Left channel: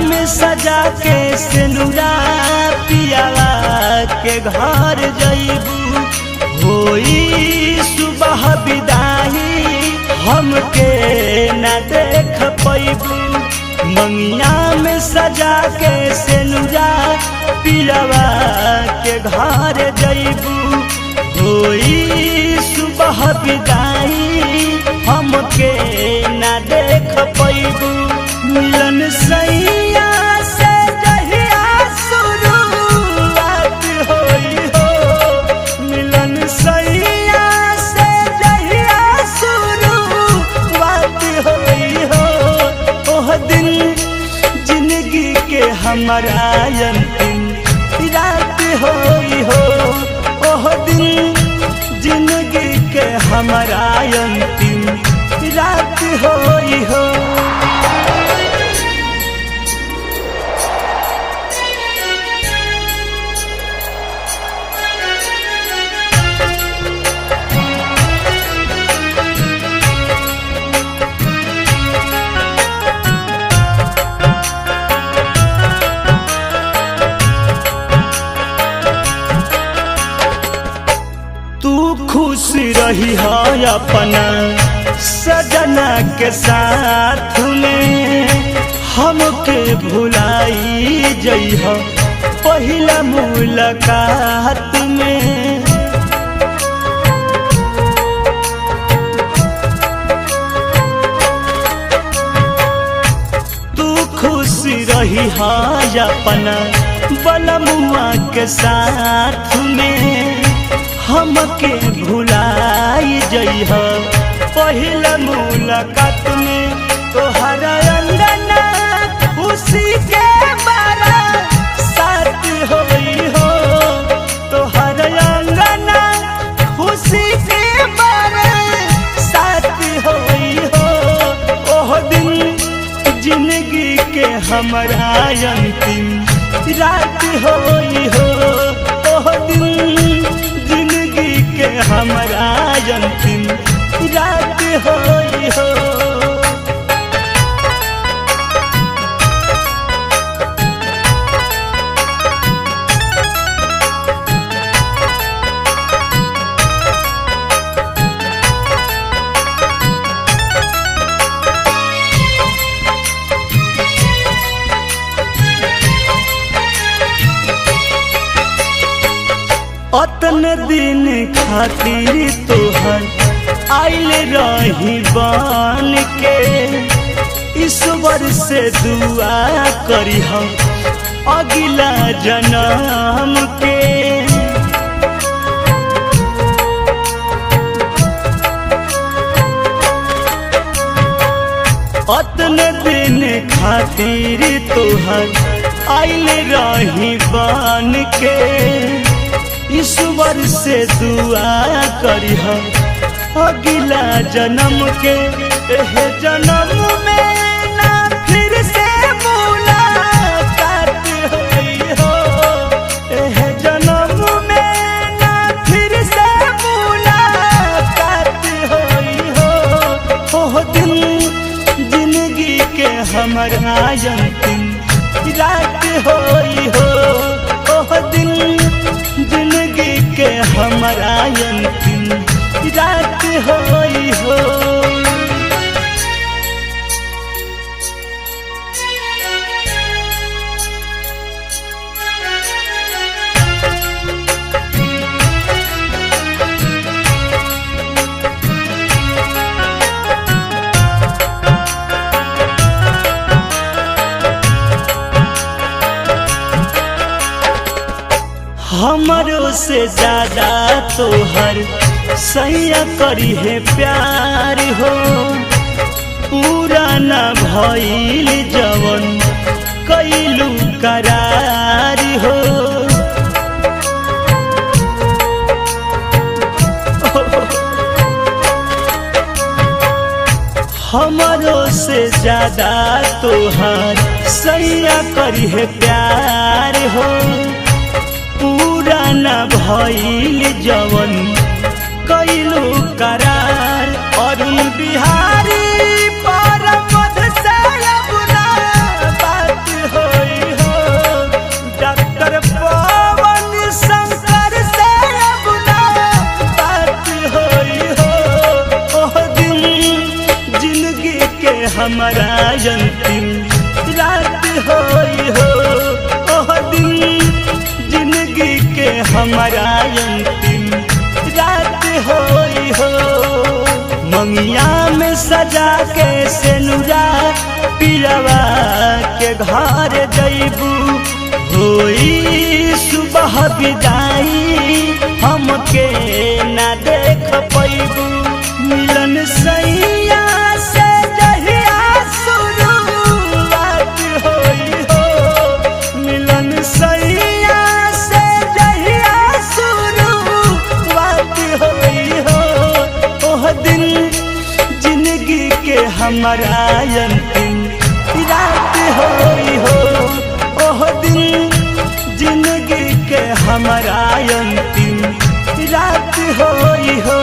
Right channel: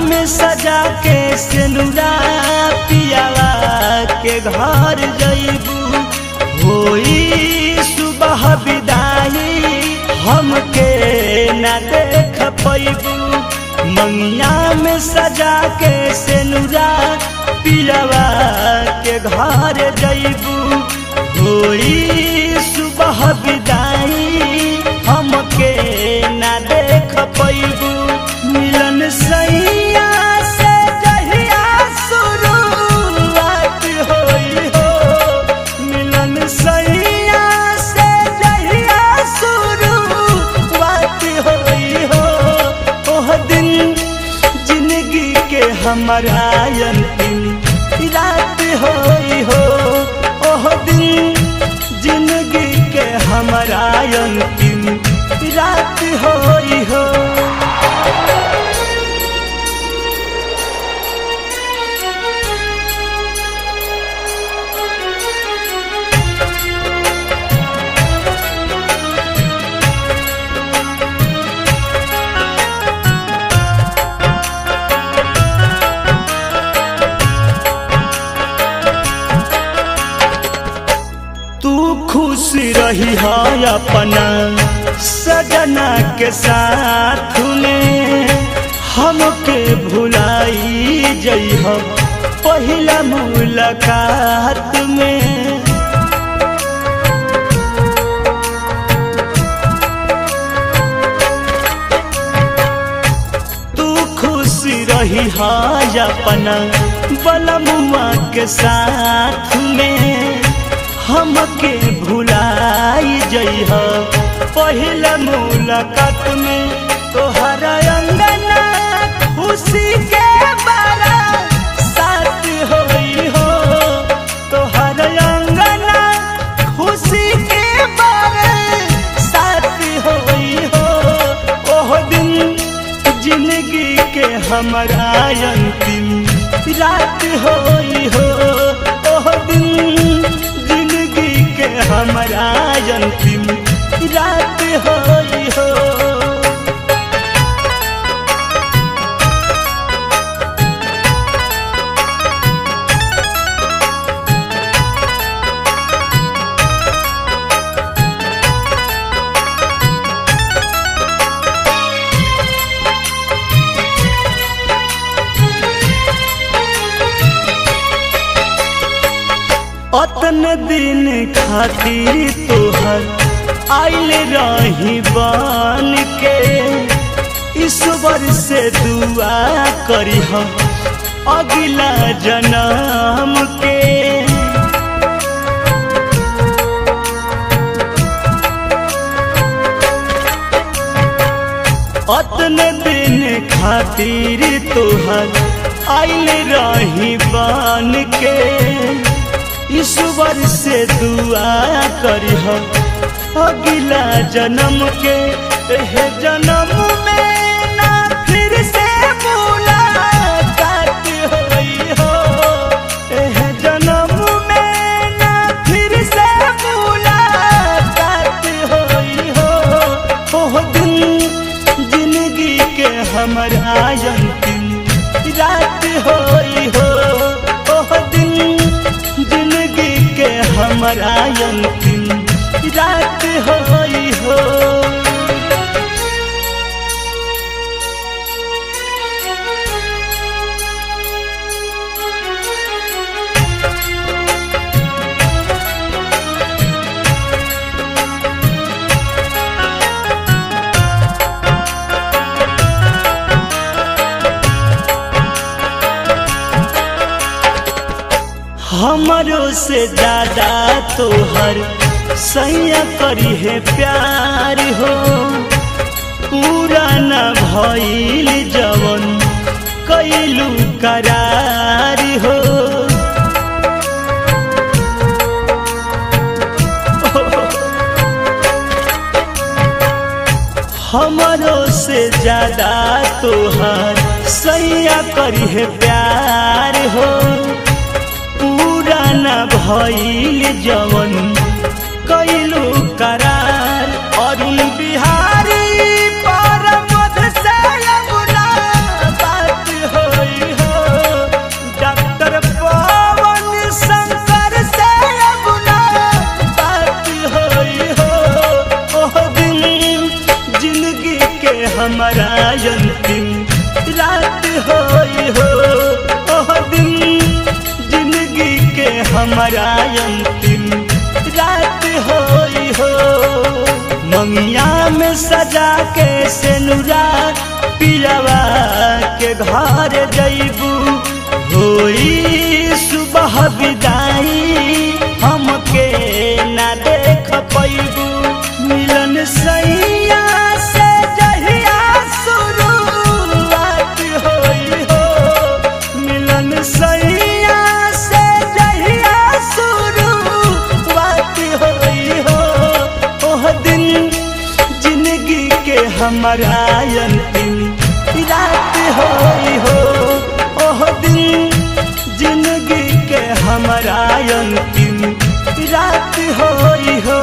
में सजा के सिनुरा पियावा के घर जइबू। होई सुबह विदाई हमके न देख पैबू। मंगिया में सजा के सिनुरा पियावा के घर जइबू। होई सुबह विदाई हमके न देख पैबू। मिलन सैया से जहिया शुरुआत होई हो। मिलन सैया से जहिया शुरुआत होई हो। ओह दिन जिंदगी के हमारा अंतिम रात होई हो। ओह दिन जिंदगी के हमारा अंतिम रात होई हो। तू खुश रही है अपना सजना के साथ में। हमके भुलाई जइह पहिला मुलाकात में। तू खुश रही है अपना बलमुआ के साथ में। हमके भुलाई जइह पहिला मुलाकात में। तोहरा अंगना खुशी के बारा साथ होई हो। तोहरा अंगना खुशी के बारा साथ होई हो। ओह दिन जिंदगी के हमारा अंतिम रात होई हो। ओह दिन जिंदगी के हमारा अंतिम रात होई हो। अतने दिन खातिर तोहर आइल रही बन के। ईश्वर से दुआ करिह अगला जन्म के। अतने दिन खातिर तोहर आइल रही बन के। ईश्वर से दुआ करिह अगला जन्म के। एह जन्म में ना फिर से मुलाकात होई हो। एह जन्म में ना फिर से मुलाकात होई हो। ओह दिन जिंदगी के हमारा अंतिम रात होई हो। ओह दिन जिंदगी के हमारा अंतिम रात होई हो। हमरो से ज्यादा तोहर सैया करी है प्यार हो। पूरा न भइल जवन कैलू करार हो। हमरो से ज्यादा तोहर सैया करी है प्यार हो। पूरा न भइल जवन कैलू करार। अरुण बिहारी पर मध से अब ना बात के हमारा अंतिम रात होई हो। ओह दिन जिंदगी के हमारा अंतिम रात होई हो। मंगिया में सजा के सेनुरा पिलवा के घर जइबू, होई सुबह विदाई हमके ना देख पैबू। मिलन सैया से जहिया शुरुआत होई हो, मिलन सैया से जहिया शुरुआत होई हो। ओह दिन जिंदगी के हमारा अंतिम रात होई हो। ओह दिन जिंदगी के हमारा अंतिम रात होई हो।